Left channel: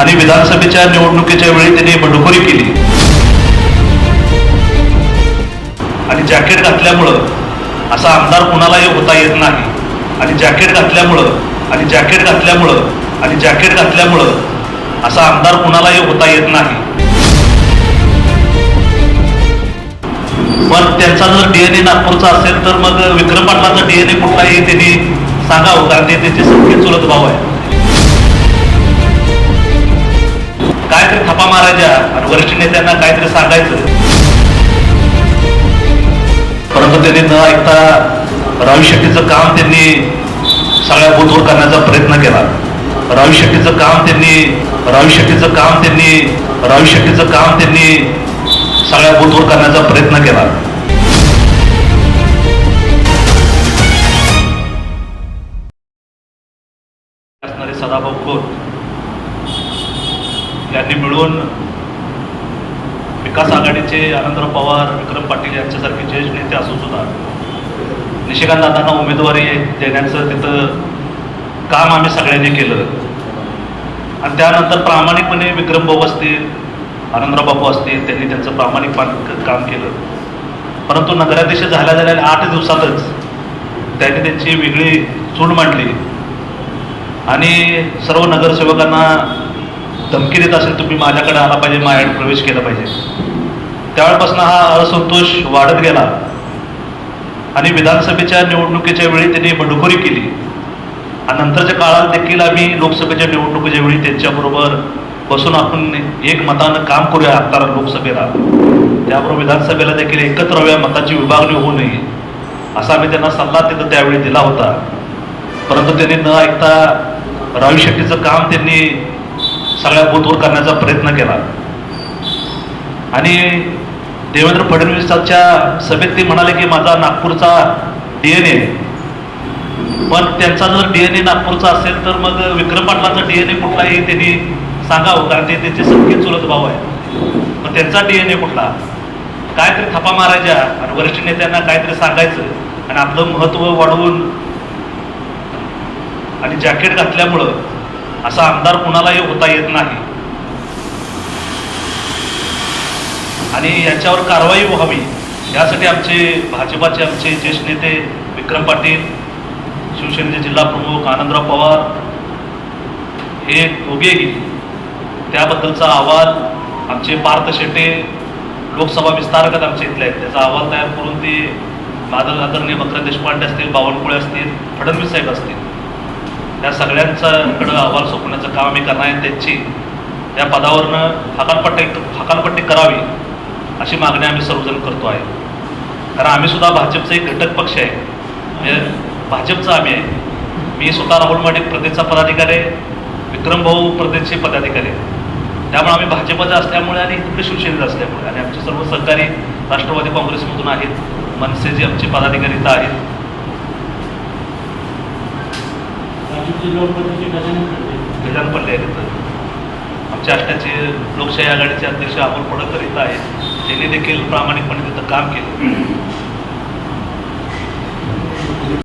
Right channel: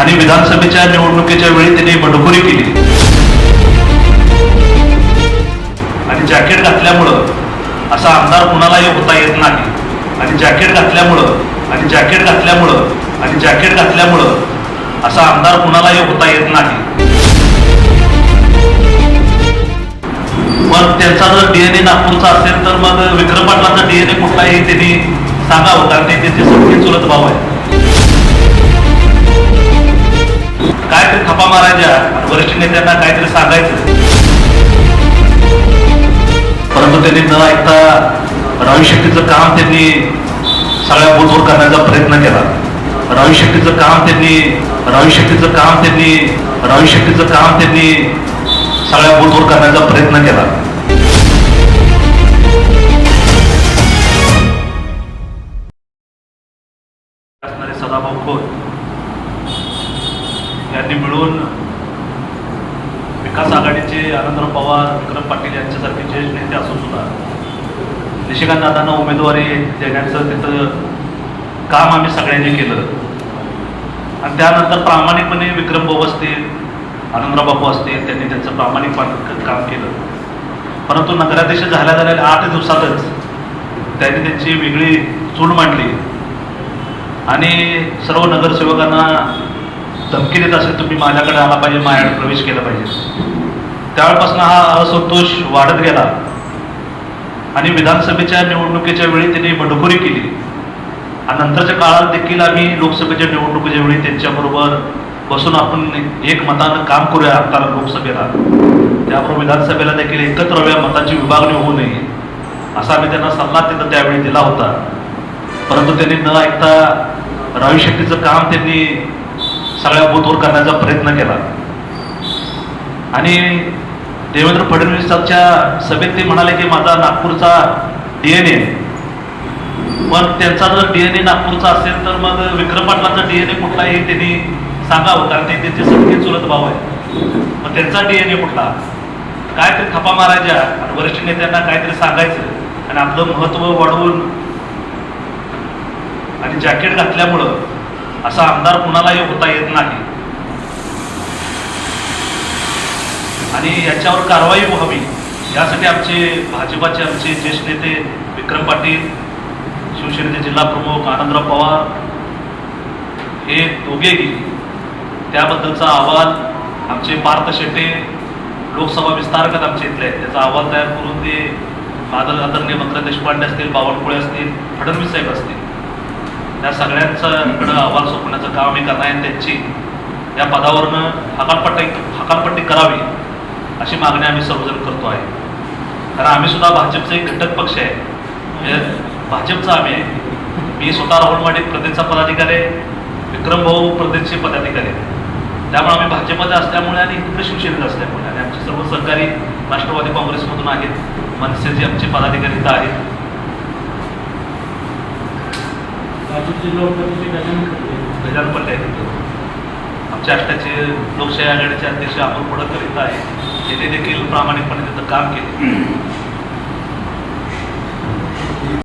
आणि विधानसभेच्या निवडणुकीच्या वेळी त्यांनी बंडखोरी केली आणि जॅकेट घातल्यामुळं असा आमदार कुणालाही होता येत नाही आणि जॅकेट घातल्यामुळं असा आमदार कुणालाही होता येत नाही. पण त्यांचा जर डीएनए नागपूरचा असेल तर मग विक्रम पाटलांचा डीएनए कुठला आहे त्यांनी सांगावं, कारण ते त्यांचे सगळे चुलत भाऊ आहे. काहीतरी थपा मारायच्या आणि वरिष्ठ नेत्यांना काहीतरी सांगायचं, परंतु त्यांनी न ऐकता रावी शेट्टीचं काम त्यांनी सगळ्या बूथवर करण्याचा प्रयत्न केला. रावी शेट्टीचं काम त्यांनी सगळ्या बूथवर करण्याचा प्रयत्न केला. असणारे सदाभाऊ खोत यांनी मिळून विकास आघाडीचे आनंदराव पवार, विक्रम पाटील यांच्यासारखे ज्येष्ठ नेते असून सुद्धा निशिकांत दादांना उमेदवारी देण्याचं तिथं काम आम्ही सगळ्यांनी केलं आणि त्यानंतर प्रामाणिकपणे विक्रम भाऊ असतील, आनंदराव बाबू असतील, त्यांनी त्यांचं प्रामाणिक काम केलं. परंतु नगराध्यक्ष झाल्या 8 दिवसातच त्यांनी त्यांची वेगळी चूल मांडली आणि सर्व नगरसेवकांना धमकी देत असेल, तुम्ही माझ्याकडे आला पाहिजे, माझ्याकडे प्रवेश केला पाहिजे. त्यावेळेपासून हा असंतोष वाढत गेला आणि विधानसभेच्या निवडणुकीच्या वेळी त्यांनी बंडखोरी केली आणि नंतरच्या काळात देखील आम्ही लोकसभेच्या निवडणुकीच्या वेळी त्यांच्याबरोबर बसून आपण एकमतानं काम करूया, कारण लोकसभेला त्याबरोबर विधानसभेला देखील एकत्र मताची विभागणी होऊ नये असा आम्ही त्यांना सल्ला तिथं त्यावेळी दिला होता. परंतु त्यांनी न ऐकता रावी शेट्टीचं काम त्यांनी सगळ्या बूथवर करण्याचा प्रयत्न केला आणि देवेंद्र फडणवीसांच्या सभेत ते म्हणाले की माझा नागपूरचा डीएनए, पण त्यांचा जर डीएनए नागपूरचा असेल तर मग विक्रम पाटलांचा डीएनए कुठला आहे त्यांनी सांगावं, कारण ते त्यांचे सगळे चुलत भाऊ आहे. पण त्यांचा डीएनए कुठला, काहीतरी थपा मारायच्या आणि वरिष्ठ नेत्यांना काहीतरी सांगायचं आणि आपलं महत्व वाढवून आणि जॅकेट घातल्यामुळं असा आमदार कुणालाही होता येत नाही आणि याच्यावर कारवाई व्हावी यासाठी भाजपाचे आमचे ज्येष्ठ नेते विक्रम पाटील, शिवसेनेचे जिल्हा प्रमुख आनंदराव पवार हे दोघेही त्याबद्दलचा अहवाल आमचे पार्थ शेटे लोकसभा विस्तारक आमचे इथले आहेत, त्याचा अहवाल तयार करून ते आदरणीय मकरंद देशपांडे असतील, बावनकुळे असतील, फडणवीस साहेब असतील, त्या सगळ्यांच्याकडं अहवाल सोपवण्याचं काम आम्ही करणार आहे. त्यांची या पदावरनं हकालपट्टी करावी अशी मागणी आम्ही सर्वजण करतो आहे. कारण आम्ही सुद्धा भाजपचा एक घटक पक्ष आहे, भाजपचा आम्ही आहे. मी स्वतः राहुलवाडी प्रदेशचा पदाधिकारी आहे, विक्रम भाऊ प्रदेशचे पदाधिकारी आहे. त्यामुळे आम्ही भाजपचा असल्यामुळे आणि इकडे शिवसेनेचा असल्यामुळे आणि आमचे सर्व सहकारी राष्ट्रवादी काँग्रेसमधून आहेत, मनसेचे आमचे पदाधिकारी इथं आहेत. गजानन पल्ले आहेत, आमच्या आष्टाचे लोकशाही आघाडीचे अध्यक्ष अमोल पडकर इथं आहे, त्यांनी देखील प्रामाणिकपणे तिथं काम केलं.